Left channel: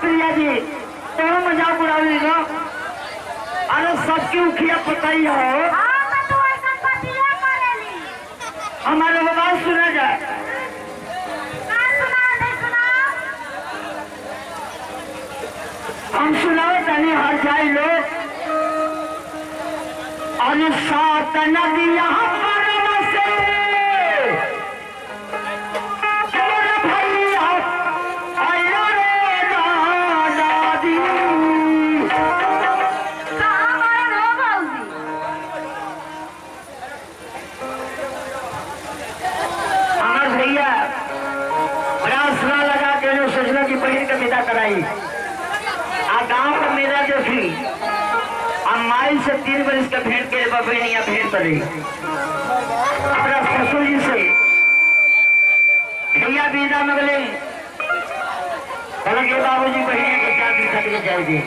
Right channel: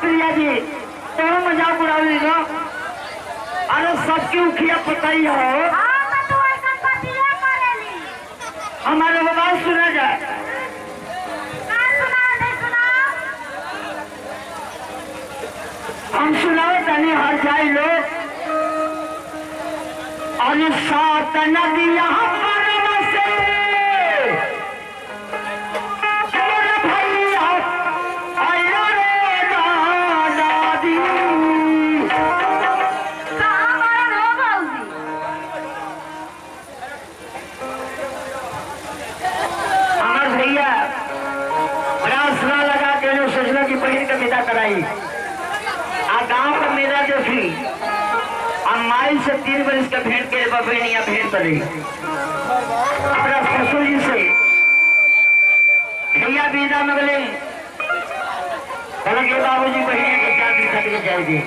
प्रिया जी तो मजाक उड़ा ली ना। अरे सबकी उखिया पता ही हो। हमारे आवाज सुना जाए। हम सुनाओ तनी हर जाए लोग। और सात नदियां सोचना की बहन का विदा कराई आ गांव का मेला देखी आ माई से 3 बरस का भेंट के बहनिया भेंट करी अपना ससुर जी से भैया विदा मगले कहल के बाबूजी बहनिया के क्या दिखा के जाएगी।